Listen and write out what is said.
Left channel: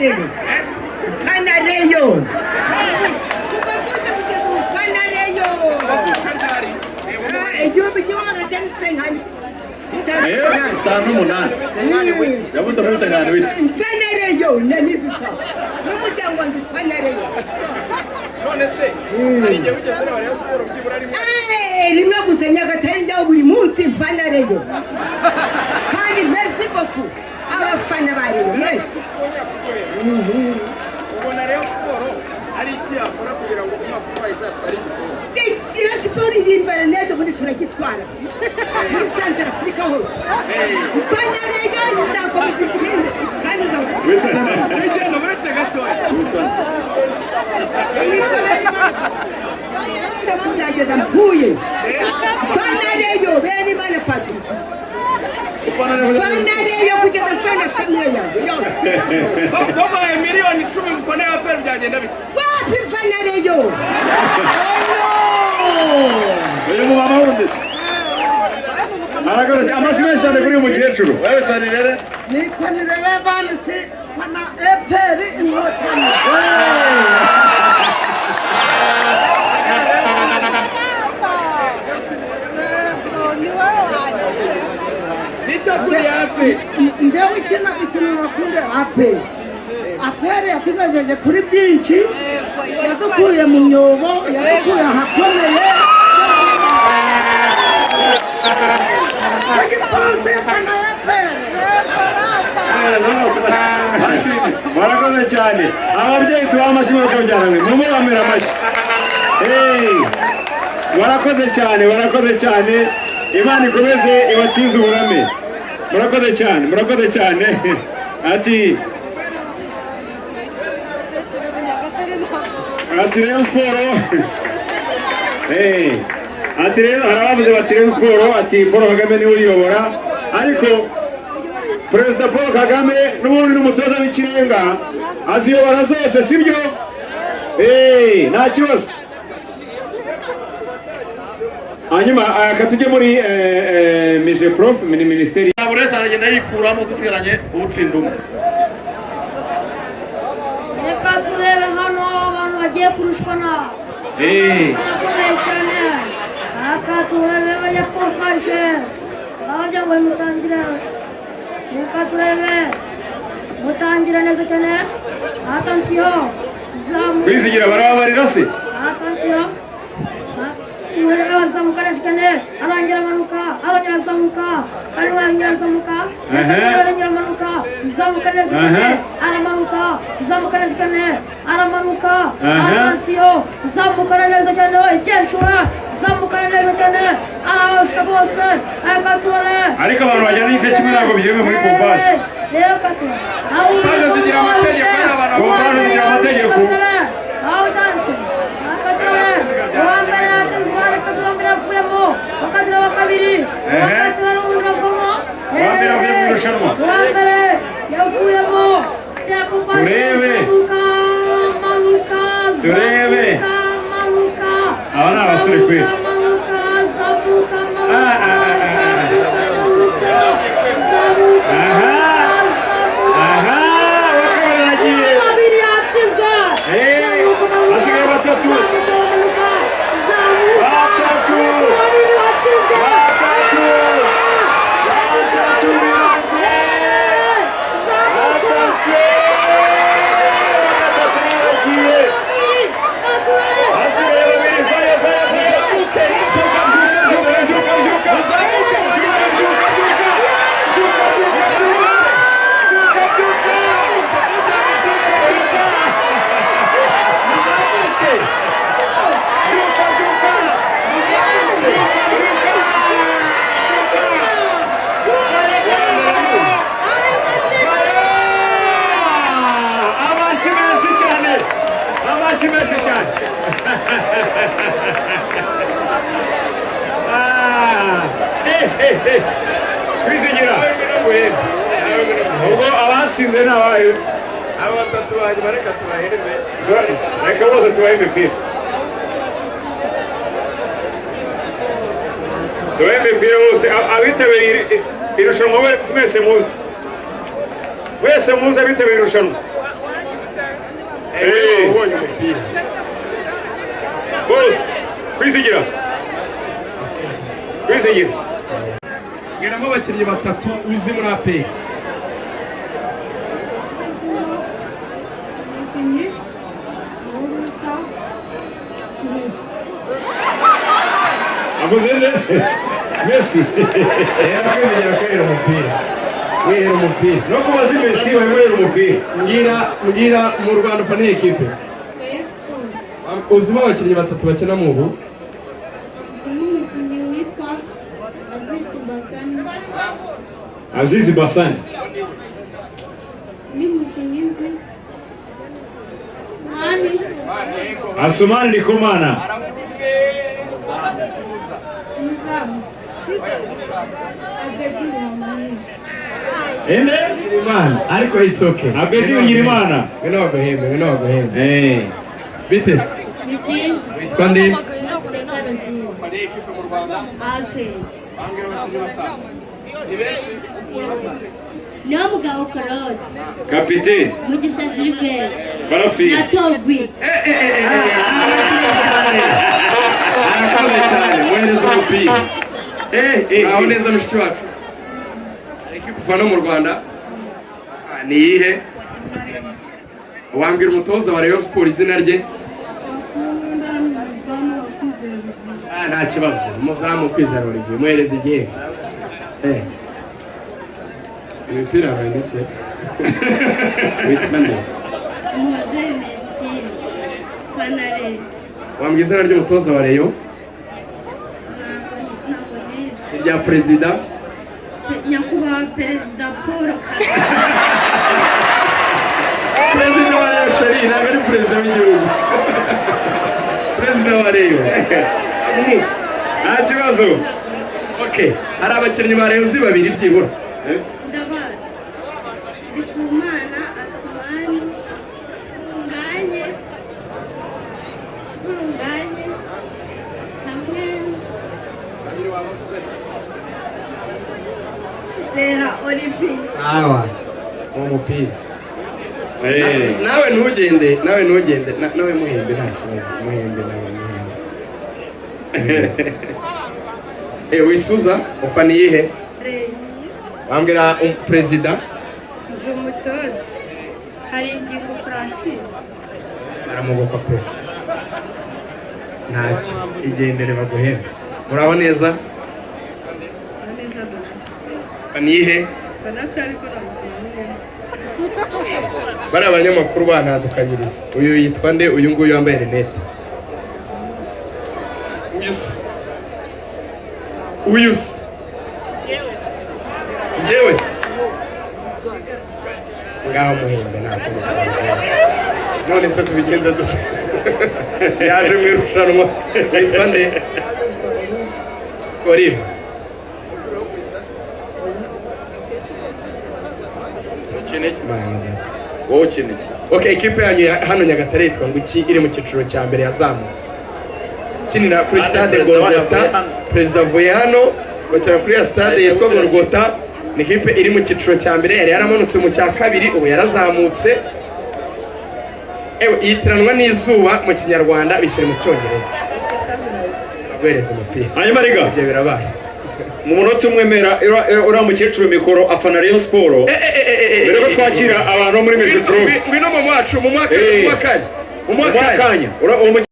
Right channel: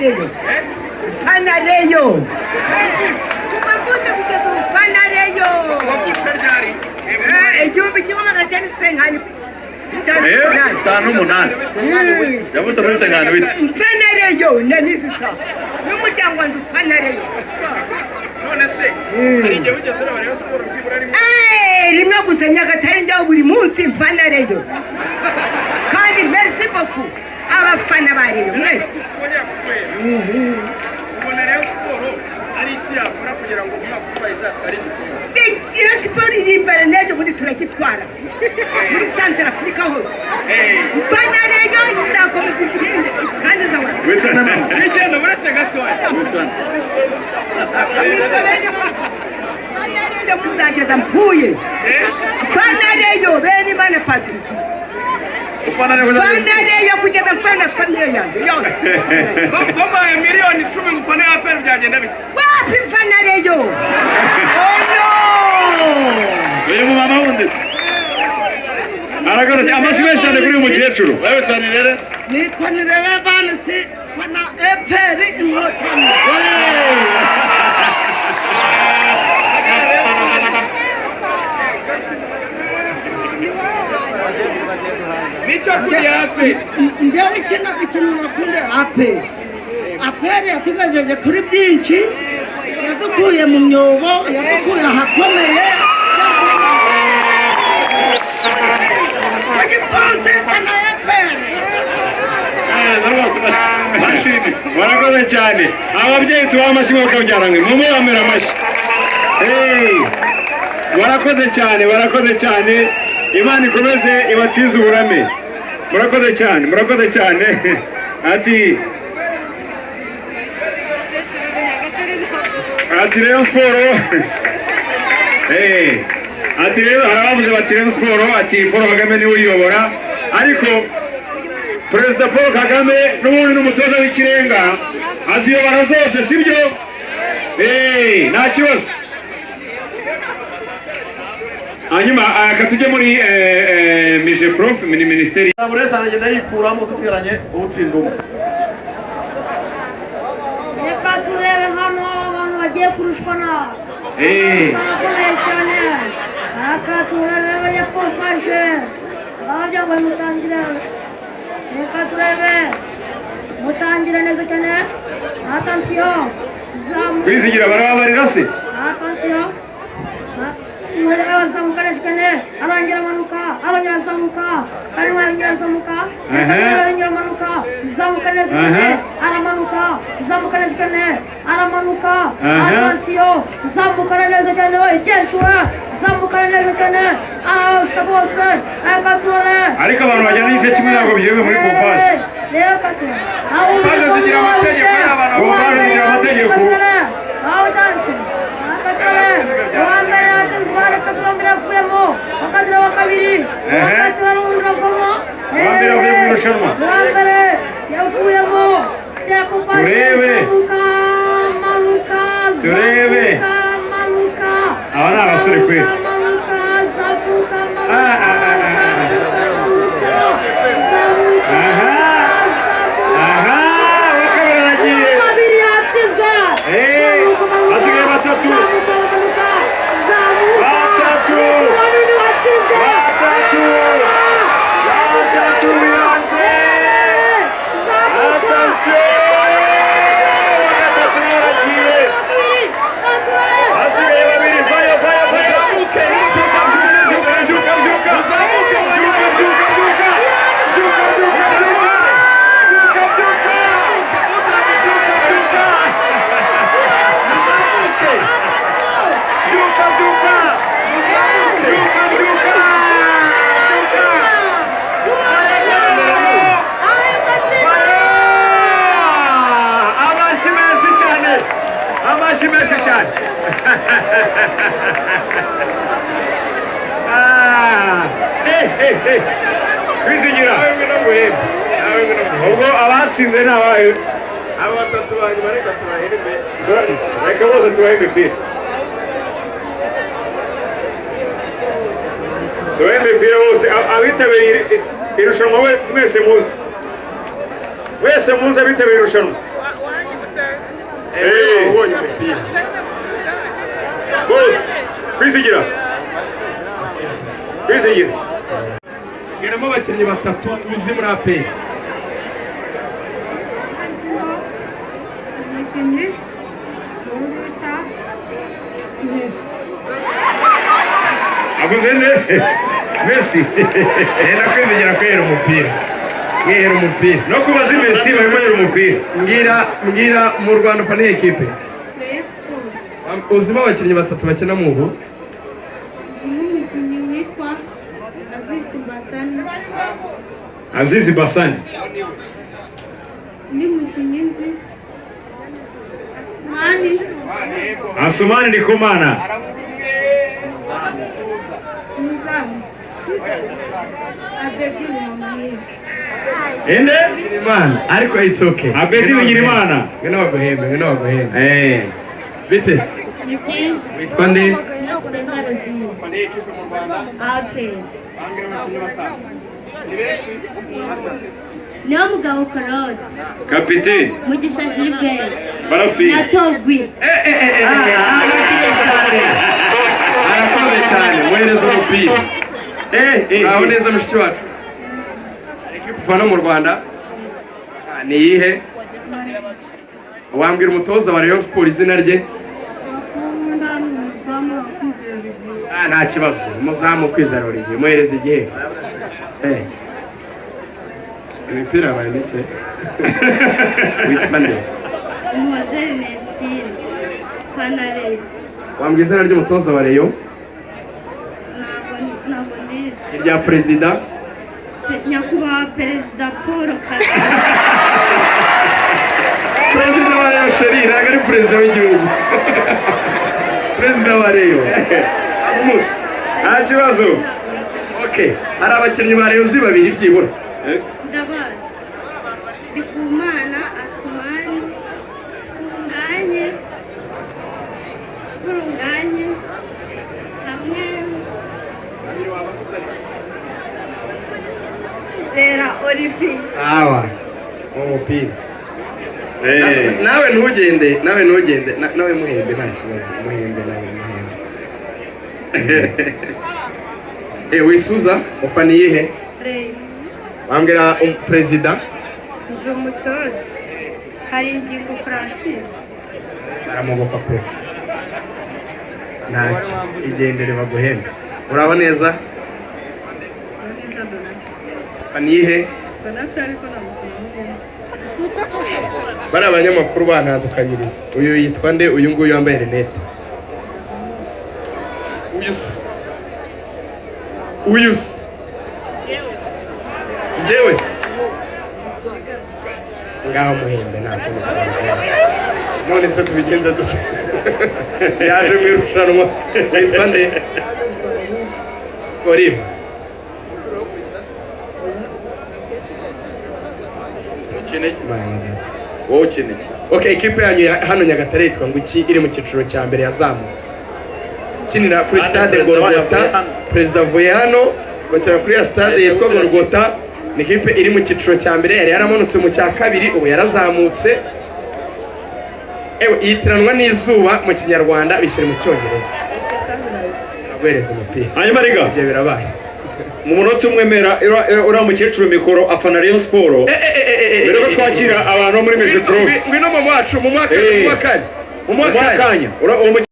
Reyo. Mfana Reyo. Kumavuta kugeza umufana Reyo. Igihumbi kimwe magana cyenda senkani. Umunani. Yavuze muri senkani wite. Mfana Reyo nanizisa. N'umuryango wanjye ufana Reyo. None se ari igihe wigeze ureba Rayon Sport byibura rimwe? Rimwe gusa Nyagatare njyaho buri munsi mfana Reyo. Kandi merci beaucoup abafana ba Reyo mwese. Ubona Rayon Sport ari iki yakora kugira ngo umwaka utaha izatware igikombe? Rayon Sport iri imbere n'ejo bundi turagitwara muri Central Africa hose. Mfana Reyo izakomeza ikindi kandi izabona. Witwa nande? Igenda buretse gatoya. Witwa nande? Mfana Reyo kuzageza mpfuye. Mfana Reyo bene Imana Patrice. Ufana Reyo kugeza mfana famille yanjye yose. Babaye miliyoni 10 mufana ya APR byagenda bite? Wapi Mfana Reyo? Oh no! Uyu mumama wundi se? Arakoze amashyi menshi cyane kuri uyu mukecuru. Wewe twanirere? Nitwanirere bana se fana APR inkotanyi. Nicho kuri APR. Ndewe ikintu nakunda APR yatugejeje kuri byinshi, yadukuye mu myobo, yadukuye ahakomeye. Murakoze cyane. Ababyeyi tubaha amashyi bakabyaranywe. Mumubamira amashyi. Murakoze cyane. Imana ikomeze ibatize uburame. Murakoze cyane. Ati Rayon Sport. Ati rero harabavuze bati Rayon Sport ati Paul Kagame niwe uyobora, ariko Perezida Paul Kagame n'ubundi n'umutoza w'ikirenga aziyobora zose, sibyo? Nta kibazo. Hanyuma katujye muri mije prof ministeri buri wese aragenda yikuramo gusigaranye ubutsindumu. Reka turebe hano abantu bagiye kurushwa na barakomeye cyane. Reka turebe ya pompaje bajya ngo mutangire. Reka turebe mutangire neza cyane. Attention kwizigira barabarira se. Attention zamuka neza cyane. Arongera amanuka, arongera azamuka, arongera azamuka, arongera amanuka, zamuka neza cyane. Aramanuka, zamuka neza cyane. Aramanuka, attention zamuka neza cyane. Igenzura zamuka neza cyane. Ahosha bose akatore. Ariko abantu bajya n'igice kimwe ntabwo birewe muri pompaje. Rero katore abo bazigira amategeko. Aho tantu akatore wambere atanzira katore afuyemo akatore wakabiri akatore uruvamo wambere yavuyemo yakupashe manuka aba ni abasore kweli. Kwizigira ubwo abatsinze n'abayo abo batatu bari bareka tubahereme reka bose tubahe imipira bose abitabiriye irushanwa mwese muzi abitabiriye irushanwa wabonye umupira bose kwizigira geramo abakinnyi batatu uzi muri APR. umukinnyi wita Messi. avuze nde Messi Era kwizigira kwera umupira no kubaza Messi barimo rero umupira. mbwira mu Rwanda ufana iyi ekipe uzimo abakinnyi batatu bakina mu ubu umukinnyi witwa Azizi Basani ni mukinnyi nzi mani Asumani Ndikumana umuzamu Abedi Mamaye. ende Imana ariko it's okay. Abedi Bigirimana ngeno baguhembe bite se witwa nde niyo mugabo Karoti kapiteni Mugisha Gilbert Barafi na Tobi. arakoze cyane mwohereza umupira aho neza mushiki wacu ekipe ufana mu Rwanda ni iyihe wambwira umutoza wa Rayon Sports izina rye nta kibazo umuzamu Kwizera Olivier mwohereza igihe imipira bayanditse witwa nde wambwira izina ry'umutoza wa Rayon irya perezida nyakubahwa perezida Paul Kagame. perezida wa Rayon sheri ntabwo ari perezida w'igihugu perezida wa Rayon nta kibazo. okay hari abakinnyi ba Rayon babiri byibura Ndabazi Ndikumana Asumani Ndanye hamwe Zera Olivier. sawa umupira nawe ntugende nawe muhembe nta kibazo muhembe wisuza ufana iyihe wambwira perezida Nzumutoza hari ingingo Francis aramugoka prof ntacyo igendere baguhembe uraba neza ufana iyihe bari abanyamakuru banadukanyiriza uyu yitwa nde uyu nguyu wambaye rinete uyu se njyewe se ngaho muhembe ntakoze none se tubigenza dute yaje mu irushanwa yitwa nde Olive okay ikipe yanyu hano Nyagatare yitwa ngo iki iri mu cyiciro cya mbere yazamutse kinira kuri stade Golgota perezida avuye hano bakira kuri ya stade yitwa Golgota ni ikipe iri mu cyiciro cya mbere yari yaramanutse mu cya kabiri ubu yarazamutse yitiranwa n'izuba mu kinyarwanda bishyira mu cyongereza agwereza umupira hanyuma rega ibyo birabaye mu munota umwe mera uriya mukecuru mikoro afana Rayon Sports mbere yo twakira abantu bo muri Metro ngwino mu mwaka mu mwaka